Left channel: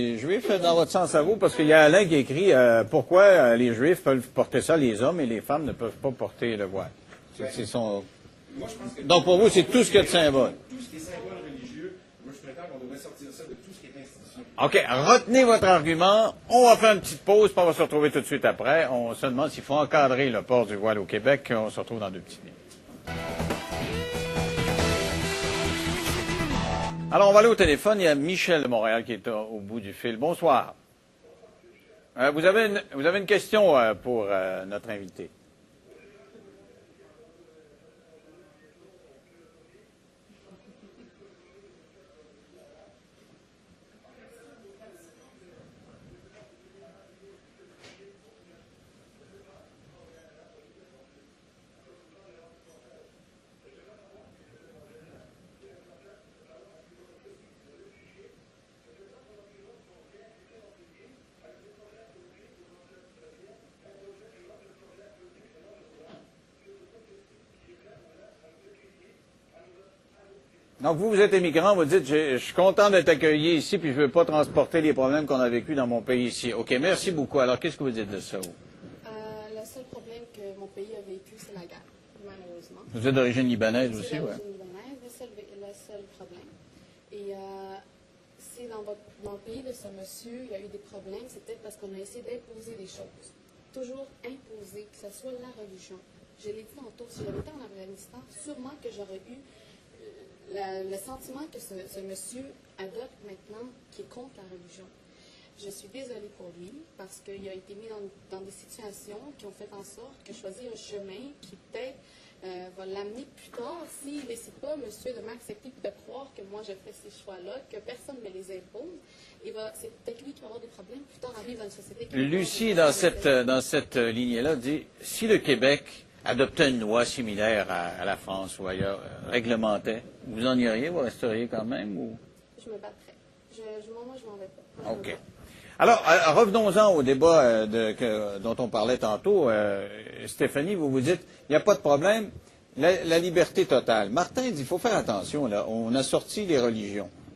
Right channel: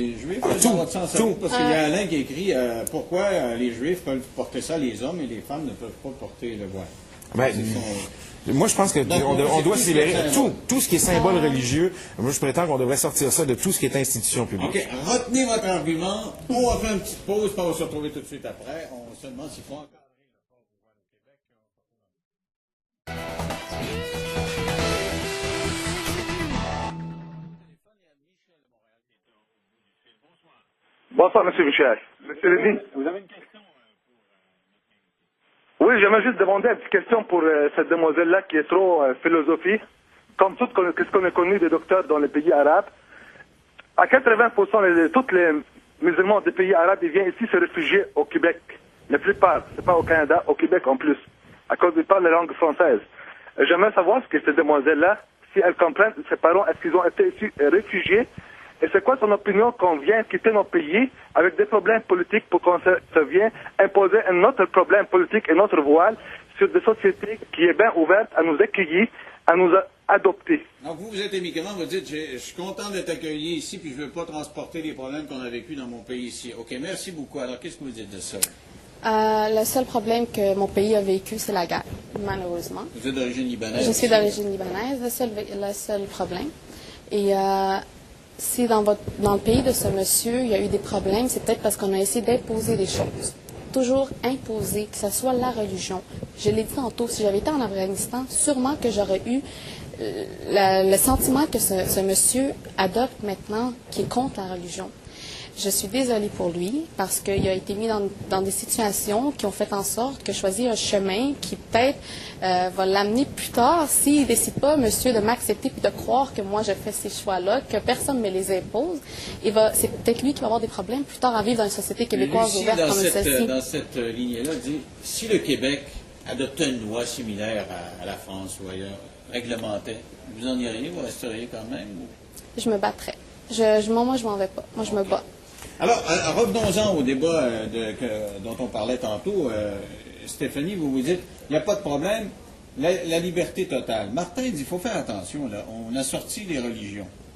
Les Juifs, dans votre sens à vous, parce qu'il y a Alain qui écrit pourquoi les Juifs peuvent porter ça, les hommes, et les femmes ne peuvent pas porter le voile. Ben, moi, je pense que donc, on doit célébrer tout ce qui est symbole religieux. Moi, je prétends qu'on devrait sortir ça de tout ce qui est institution publique. OK. Retenez votre argument. On va faire une petite pause, puis on va se retrouver tout de suite après. On se demande s'il faut encadrer le port du voile au Québec. On se retrouve dans 2 petites minutes. Alors, on va aller au téléphone. Il y a Michel de Montréal qui est au bout du fil. Bonsoir. Bonsoir, M. Michel. Vous avez une question pour notre invité. Oui, j'aimerais juste demander une petite question pour cette demoiselle-là qui est trop philosophie. Comme tout ce qu'on a connu des docteurs dans les pays arabes, à 80%, tous les musulmans des pays arabes, ils viennent ici se réfugier au Québec. La plupart, c'est pas au Canada, au Québec en plus, à cause qu'ils parlent la langue française. J'aimerais savoir ce que cette demoiselle-là, si elle comprend, ses parents, est-ce qu'ils ont été ici réfugiés? Et c'est quoi son opinion qu'on vient quitter nos pays avec des problèmes politiques pour qu'on se vienne imposer un autre problème politique et notre voile sur des sociétés qui est bien ouvertes à nous accueillir, à nous adopter. Donc, vous êtes immigrant, vous dites, je suis content d'être accueilli ici, puis je ne veux pas transporter les problèmes qu'on a vécu dans mon pays ici. OK, merci beaucoup. Alors, qu'est-ce que vous dites de ça? Le seul problème que mon pays a vécu, c'est la guerre, malheureusement. Vous êtes d'origine libanaise? Je suis d'origine libanaise, le seul problème. Et si dans le pays de ce monsieur, il y a eu des problèmes, c'est peut-être parce qu'on a essayé d'imposer des choses. Toujours imposer, que ce soit la religion. Je l'ai dit tantôt, si j'avais été en Afghanistan, sûrement que j'aurais eu le sentiment que ce monsieur adopte maintenant, qui est contre la religion. Je suis désolée pour lui parce qu'il a été mis dans des situations qui ont fait en sorte que choisir un chemin qui peut-être va l'amener plus tard s'il ne décide pas, monsieur, de m'accepter puis de croire que moi je fais ces choix-là, que personne ne me les impose. C'est peut-être lui qui va avoir des problèmes plus tard à vivre dans une société québécoise Lucie, ouverte comme celle-ci. Dans cette lignée-là, dit si le Québec adoptait une loi similaire à la France ou ailleurs, réglementait, vous en iriez, vous resteriez quand même? Ou... Je me battrais. Moi, je m'en vais pas. Moi, je me bats. Alors, revenons-en au débat dont on parlait tantôt. Stéphanie, vous dites, il n'y a pas de problème, la liberté totale. Martin dit, il faut faire attention, là. On a sorti les religions.